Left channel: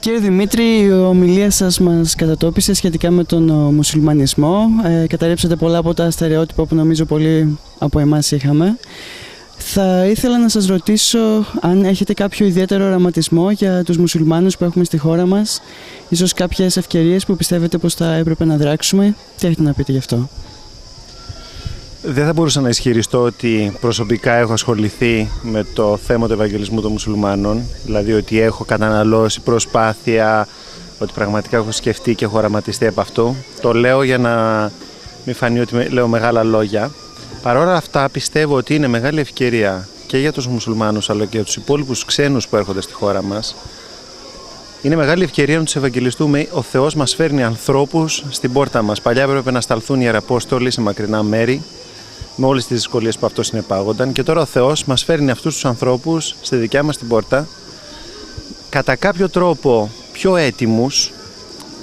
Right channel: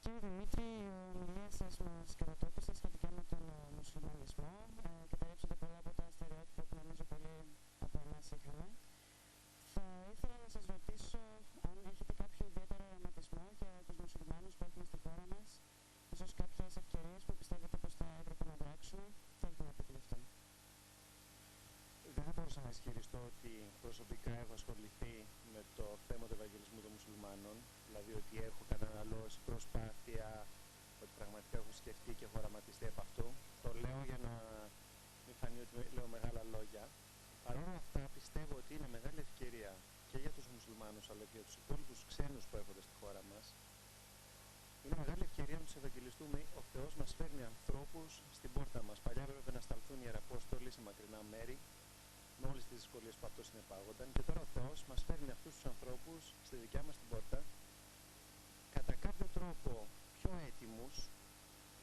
Κύριε Δημήτρη, η ομιλία σας μας κατατόπισε σχετικά με τον μουσουλμανισμό. Καταρρύψατε πολλά από τα στερεότυπα που νομίζω πολλοί από εμάς είχαμε. Θα ήθελα να σας ρωτήσω αν έχετε κάποιο ιδιαίτερο οραματισμό για τους μουσουλμάνους που έχουμε στη χώρα μας, ίσως κάποιες ευκαιρίες που πιστεύετε πως θα έπρεπε να δράξουμε. Τι έχετε να πείτε γι' αυτό? Δεν θα μπορούσα να ισχυριστώ ότι προσωπικά έχω ασχοληθεί με το θέμα του Ευαγγελισμού των μουσουλμάνων, δηλαδή ότι έχω καταναλώσει προσπάθεια, ότι πραγματικά έχω σκεφτεί και έχω οραματιστεί από αυτού. Το λέω για να μην φανεί ότι λέω μεγάλα λόγια. Παρ' όλα αυτά πιστεύω ότι είναι μεγάλη ευκαιρία και για τους μουσουλμάνους αλλά και για τους υπόλοιπους ξένους που έρχονται στη χώρα μας. Είναι μεγάλη ευκαιρία να τους ευαγγελιστούμε. Ο Θεός μας φέρνει ανθρώπους στην πόρτα μας. Παλιά έπρεπε να σταλθούν ιεραπόστολοι σε μακρινά μέρη, με όλες τις δυσκολίες που αυτό συνεπάγονταν. Και τώρα ο Θεός μας φέρνει αυτούς τους ανθρώπους στη δικιά μας την πόρτα, κατά κάποιο τρόπο πιο έτοιμους,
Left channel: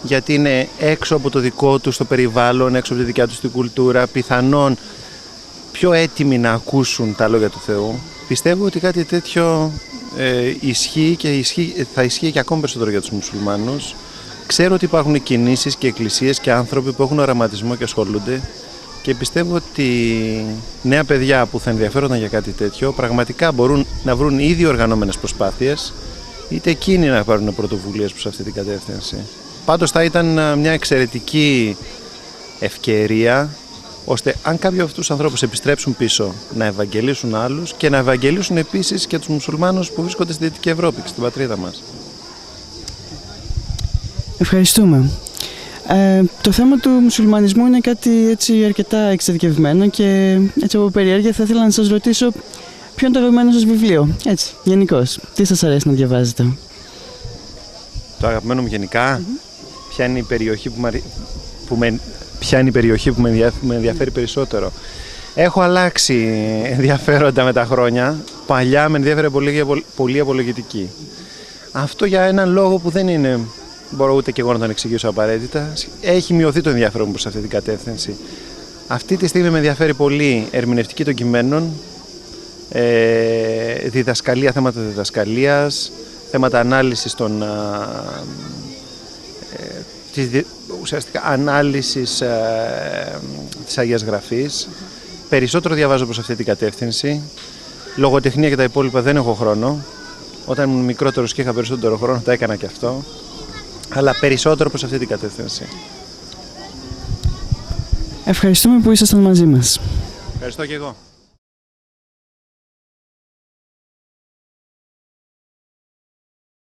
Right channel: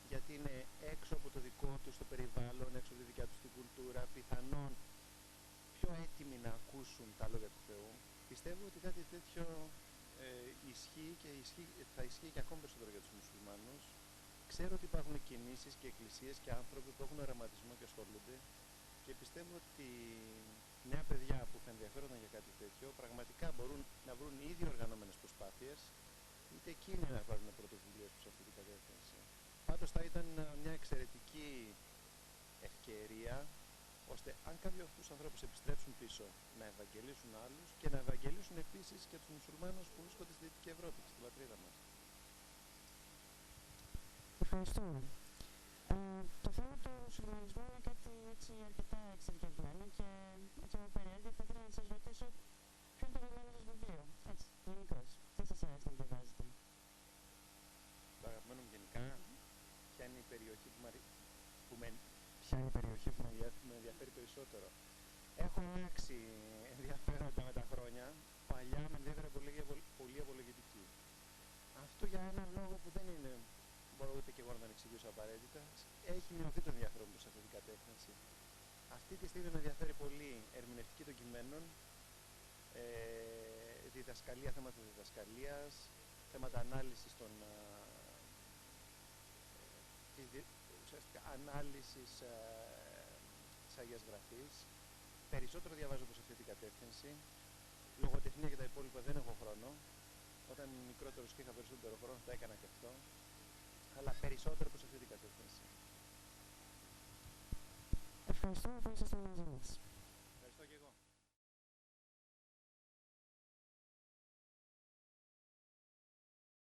γιατί είναι έξω από το δικό τους το περιβάλλον, έξω από τη δικιά τους την κουλτούρα, πιθανόν πιο έτοιμοι να ακούσουν τα λόγια του Θεού. Πιστεύω ότι κάτι τέτοιο ισχύει και θα ισχύει και ακόμη περισσότερο για τους μουσουλμάνους. Ξέρω ότι υπάρχουν κινήσεις και εκκλησίες και άνθρωποι που έχουν οραματισμό και ασχολούνται και πιστεύω ότι νέα παιδιά που θα ενδιαφέρονταν για κάτι τέτοιο πραγματικά μπορούν να βρουν ήδη οργανωμένες προσπάθειες, είτε εκείνοι να πάρουν πρωτοβουλίες προς αυτή την κατεύθυνση. Πάντως θα ήταν μια εξαιρετική ευκαιρία ώστε αν κάποιοι από αυτούς τους ανθρώπους επιστρέψουν πίσω να ευαγγελίσουν άλλους και να ευαγγελίσουν επίσης και τους μουσουλμάνους που βρίσκονται στη Δυτική Ευρώπη και στην πατρίδα μας. Ευχαριστούμε. Το θέμα του μουσουλμανισμού είναι κάτι έτσι αρκετά εξειδικευμένο και έτσι από περιέργεια θα ήθελα να σας ρωτήσω ποιο είναι το αγαπημένο σας βιβλίο, έτσι, γενικώς. Τι σας αρέσει να διαβάζετε? Το αγαπημένο μου γενικά, ποια είναι η περιοχή που με ενδιαφέρει περισσότερο? Έχω αλλάξει ενδιαφέροντα με τα χρόνια. Παλιά με ενδιαφέρε πολύ απολογητική. Αυτό για έναν λόγο που δεν είναι, μπορώ ούτε και εγώ να τον εξηγήσω απαραίτητα. Έχει μειωθεί το ενδιαφέρον μου προς αυτή την κατεύθυνση. Αυτή τη στιγμή με ενδιαφέρει πολύ ερμηνευτική των κειμένων, διδασκαλία, θέματα διδασκαλίας, θέματα ανάλυσης ουσιαστικά ανάλυσης της Αγίας Γραφής. Περισσότερο διαβάζω προς αυτή την κατεύθυνση. Λογοτεχνία και τα υπόλοιπα δεν έχω χρόνο. Όταν ήμουν μικρότερος και είχα περισσότερο χρόνο το έκανα και αυτό. Αλλά περισσότερο προς αυτή την κατεύθυνση. Ευχαριστούμε που ήσασταν μαζί μας. Ευχαριστώ και εγώ.